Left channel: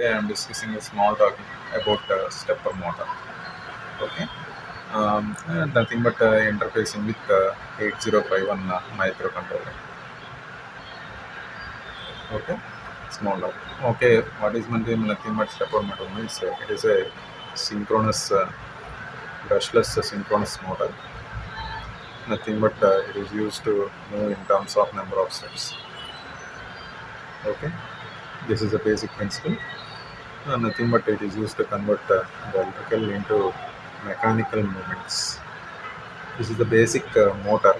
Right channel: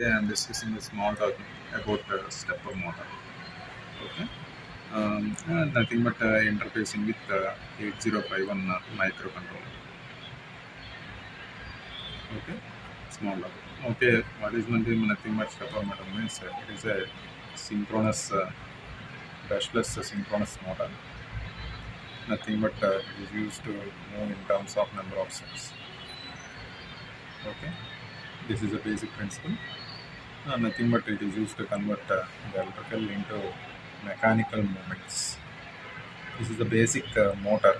Today I am discussing a small talk about stepper motor. Okay, nothing but interfacing with 8051 microcontroller. Okay, small talk. Okay, what is meant by nothing but stepper motor means it is a synchronous, brushless synchronous motor. Nothing but it is used to move in terms of number of steps. Okay, this is the basic principle. Nothing but it is used to convert the electrical into mechanical movements. This is the basic motor.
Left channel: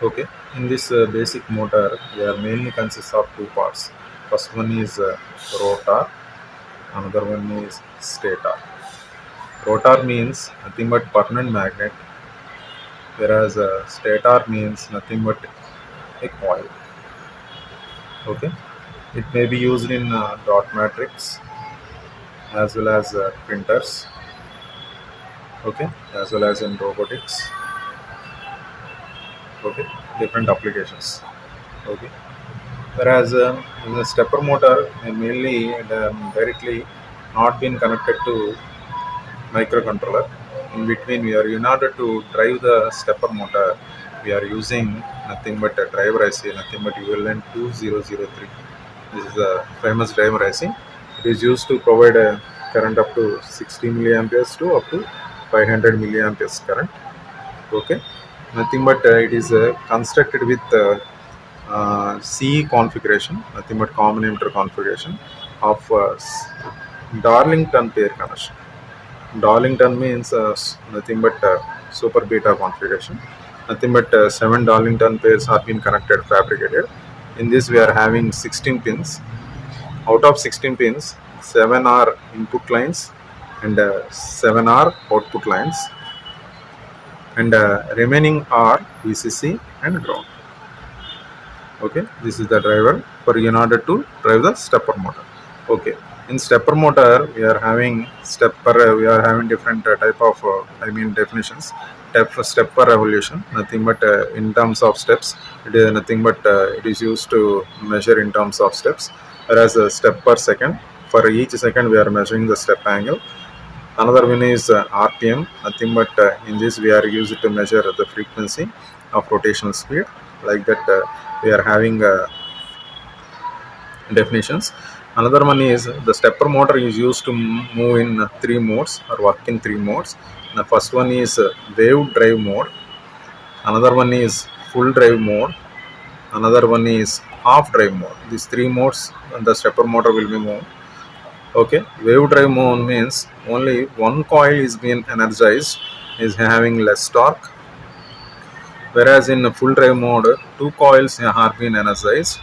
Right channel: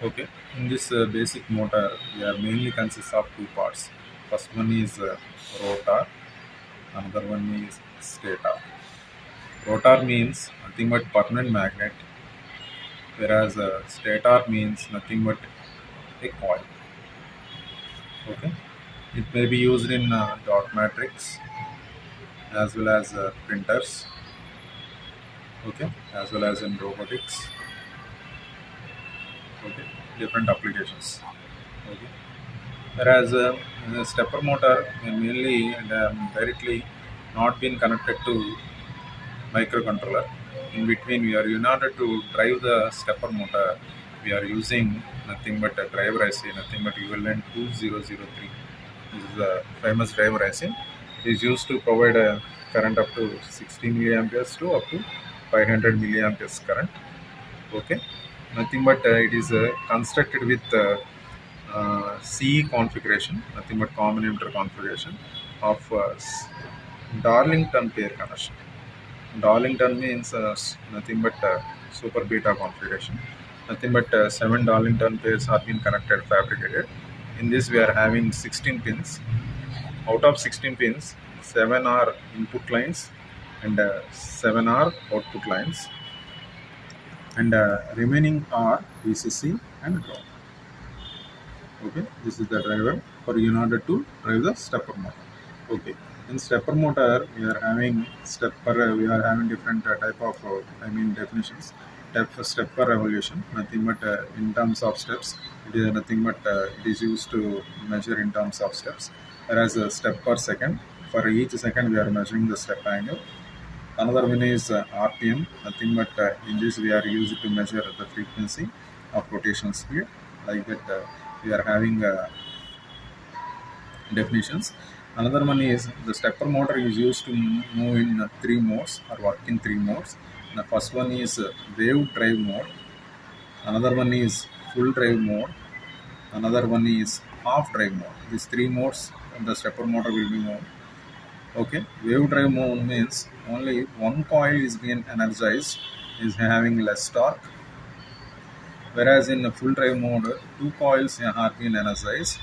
Okay, in this basic motor, we are mainly consists of two parts. First one is rotor, another one is stator. Rotor means nothing but permanent magnet, whereas stator means nothing but a coil. Okay, it may be used in dot matrix as well as printers. Okay, as well as in robotics. Okay, different applications. Okay, whereas the stepper motor may mainly directly not been connected to microcontroller. In between, we are in order to drive the stepper motor, we are using nothing but a driver IC, nothing but ULN 2003. This is a famous driver IC. It is used to provide a current up to 60 milliamperes to up to 500 milliamperes current. Okay, nothing but it is constructed with C configuration, nothing but common emitter configuration of Darlington pair connection. Darlington means nothing but super beta configuration. Nothing but 7 Darlington pairs have been connected, fabricated. In this, we are having 16 pins. Out of 16 pins, 7 are input lines and 7 are output lines, and remaining are VCC and ground. Okay, this is the driver for in order to drive the stepper motor. Okay, in stepper motor we are having we are having different type of definitions. Stepper revolution, nothing but in terms of steps, it is nothing but it is used to measure in terms of steps, whereas a step per second, for each second we are measuring the step angle. Another one is RPM, nothing but in this we are used to measure the frequency of rotational speed. Like that, we are having definitions. Another one is the stepper motor is used to move in three modes or work in three modes. The first one is wave drive mode. Another one is full drive mode. Another one is half drive mode. These three modes the stepper motor will be moved. Okay, wave drive mode means only one coil is being energized, is having less torque, whereas in full drive mode two coils are being energized,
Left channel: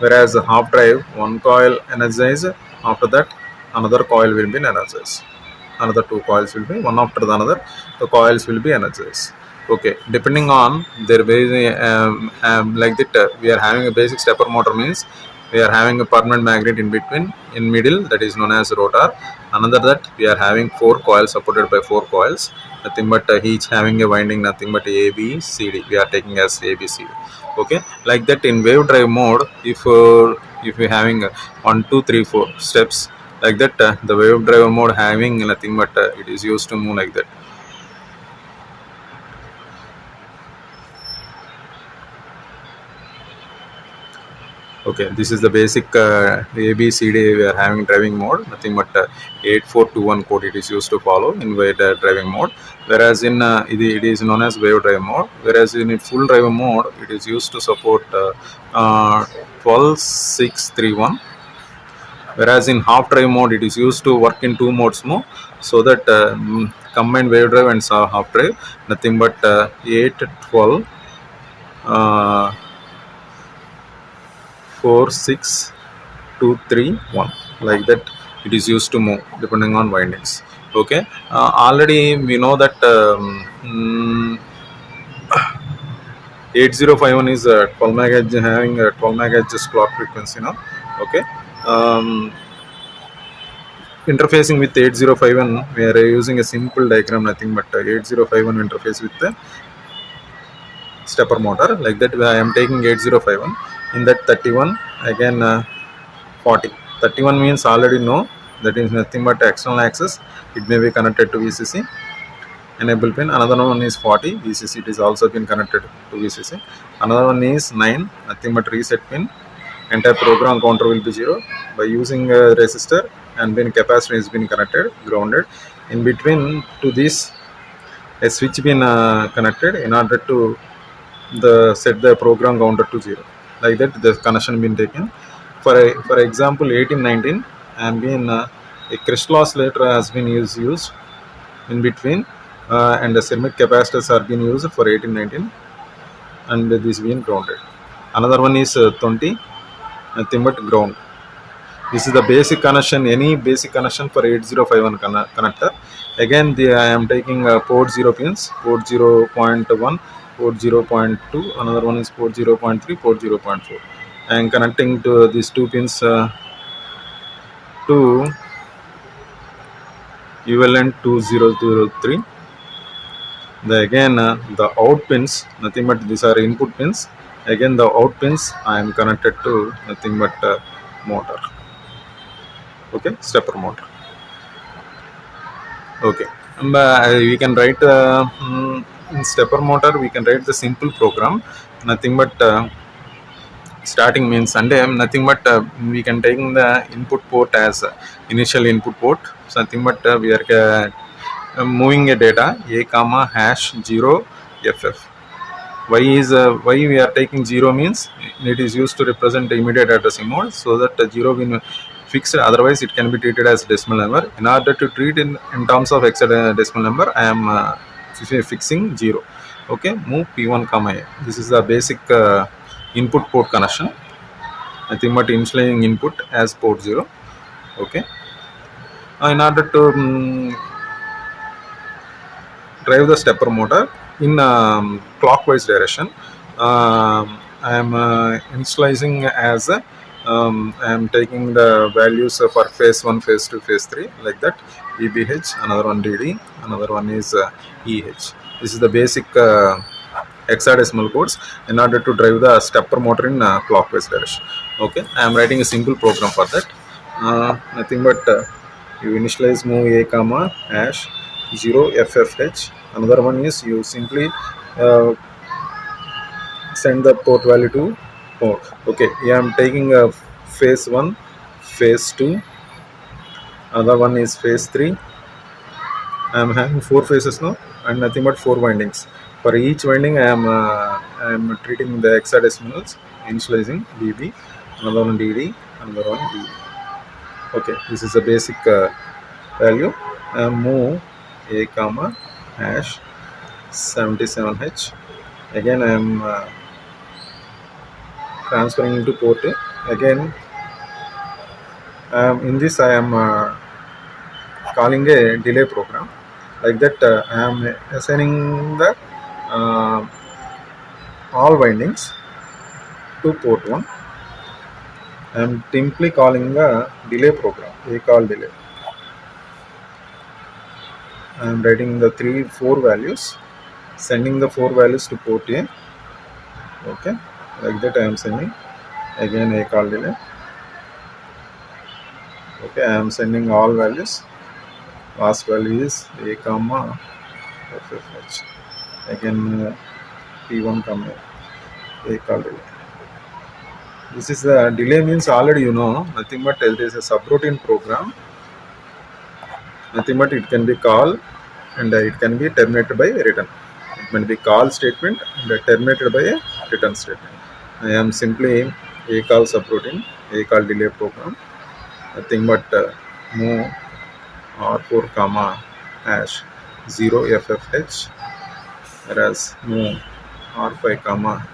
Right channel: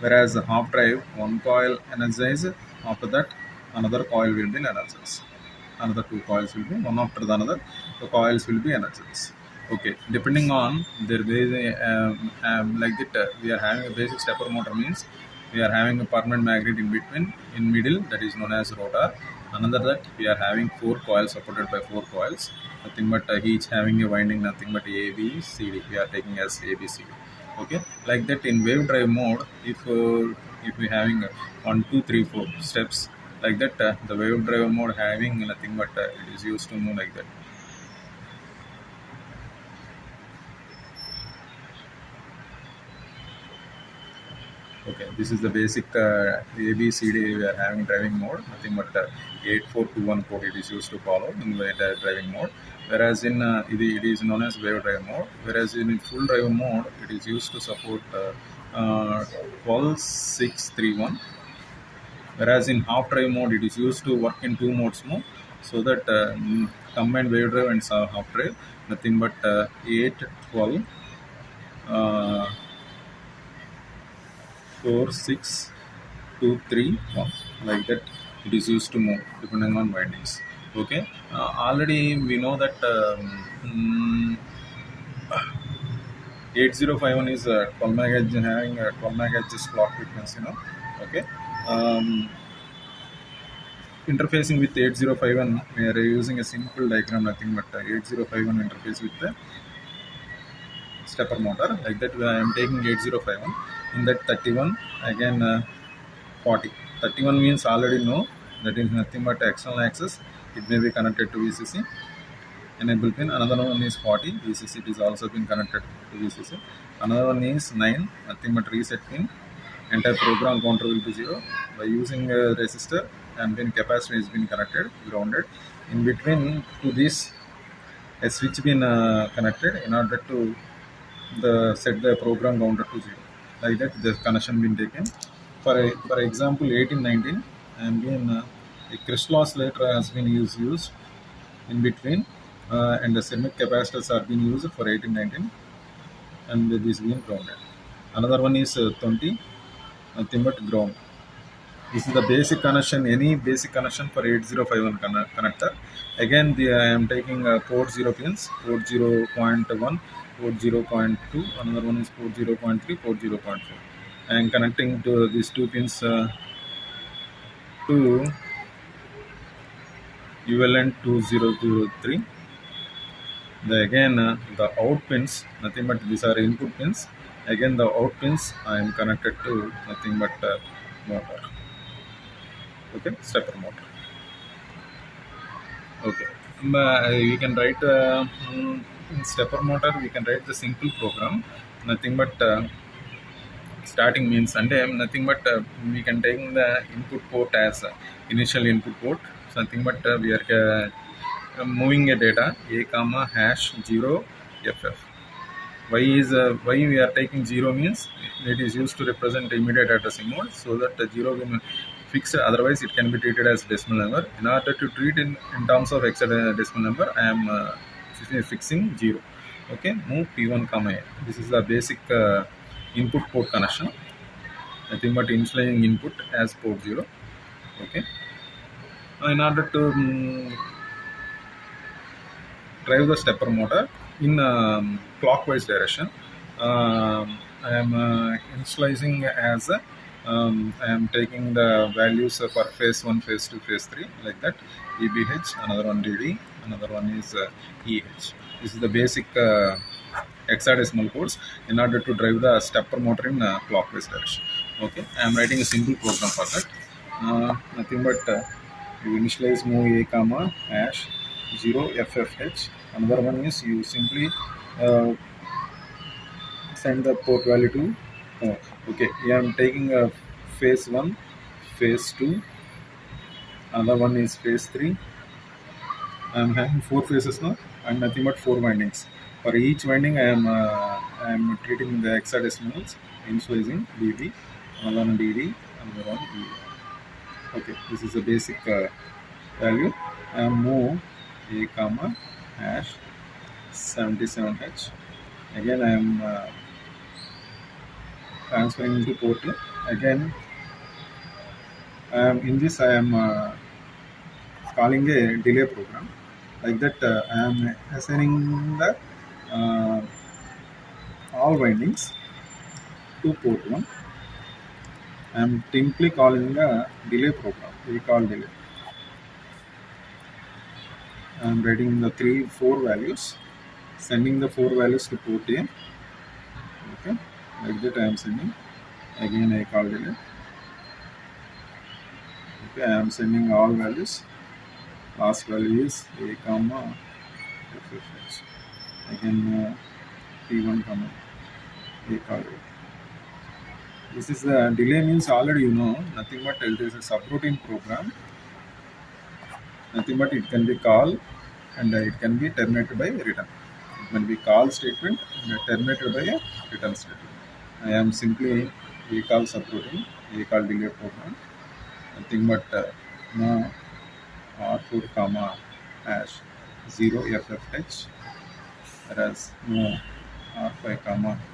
whereas half drive one coil energized, after that another coil will be energized, another two coils will be one after the another, the coils will be energized. Okay, depending on their basic like that, we are having a basic stepper motor means we are having a permanent magnet in between, in middle, that is known as rotor. Another that we are having four coils supported by four coils, nothing but each having a winding, nothing but A B C D, we are taking as A B C D. Okay, like that in wave drive mode, if we having 1 2 3 4 steps, like that the wave drive mode having nothing but it is used to move like that. Okay, this is the basic ABCD. We are having driving mode, nothing but 8421 code it is used to follow in wave driving mode. Whereas in it is known as wave drive mode. Whereas in full drive mode, it is used to support 12631. Whereas in half drive mode, it is used to work in two modes more, so that combined wave drive and half drive, nothing but 812. 4 6 2 3 1, like that it is used to move depending on windings. Okay, already we know that 8051 is 12 MHz, having a 12 MHz clock frequency now. Okay, interfacing with 8051 we are using a simple diagram, nothing but 8051 interface with the stepper motor. Like that, I am taking 8051. In that 31 again 40. 31 means already know, that is nothing but external access. It may be connected to VCC enable pin. Another one is 40 VCC, it is also been connected to VCC. Another one is 9, nothing but reset pin. Entire program counter will be 0 by using a resistor, and then capacitor has been connected, grounded. In between to this, a switch been connected in order to set the program counter to 0. Like that, the connection been taken. For example, 1819, and been a crystal oscillator has been used in between, and the ceramic capacitors are being used for 1819, and this being grounded. Another one is 20, nothing but ground. This is the basic connection, any basic connection for 8051 connector. Again, I am taking port 0 pins, port 0.1, port 0.2, another one is port 0.3, port 0.4. I am connecting to these two pins to ULN 2003. Again, the out pins, nothing but these are input pins. Again, the out pins I am connected to nothing but motor. Okay, stepper motor. Okay, we can write in stepper motor, we can write the simple program, nothing but starting means, and nothing but we can take the input port as initial input port. So nothing but we are moving a data a comma hash 0 ff. Why we are taking 0 means it is used to represent the immediate addressing mode, so that 0 will fixed, otherwise it can be treated as decimal number. In order to treat in terms of hexadecimal number, I am fixing 0. Okay, move p1 comma a. This is the basic input port connection, nothing but initializing input as port 0. Okay, in order to drive the stepper motor in clockwise direction, I am initializing as I am taking the values for phase 1, phase 2, phase 3, like that. EBH, another one DD, another one is EH. This is the basic hexadecimal codes in order to drive the stepper motor in clockwise direction. Okay, I am writing a simple program for that. Nothing but you initialize move a comma hash 0 ffh. Another one is you simply send the port value to port. Okay, I am taking a phase 1, phase 2, another one is phase 3. I am having 4 phases now, and nothing but 4 windings. For each winding, I am treating the hexadecimals, initializing BB, another one DD, another one DE. Okay, this is the basic value. Move a comma hash 77h. Again, I am transferring into port 2. Again, in this I am calling a delay program. Like that, I am assigning the all windings to port 1. I am simply calling a delay program, a call delay. I am writing the 4 values, sending the 4 values to port A. Okay, like that I am sending. Again, a call delay. Okay, I am sending all values. Last value is a comma ffh. Again, p1 comma a call delay. This is the delay means already you know, nothing but it is a subroutine program. Nothing but it can be call and it can be terminated by return. It can be call statement and terminated by a return statement. I am simply a call subroutine, a call delay program. Nothing but move r4 comma hash 0 ffh, whereas move r5 comma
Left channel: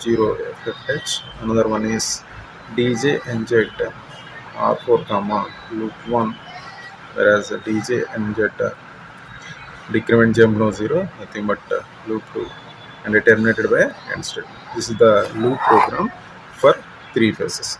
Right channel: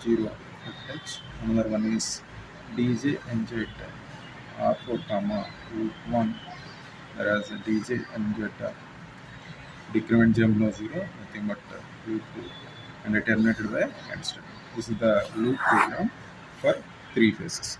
0 ffh. Another one is dj nz r4 comma loop 1, whereas dj nz decrement jump no 0, nothing but loop 2, and terminated by end statement. This is the loop program for 3 phases.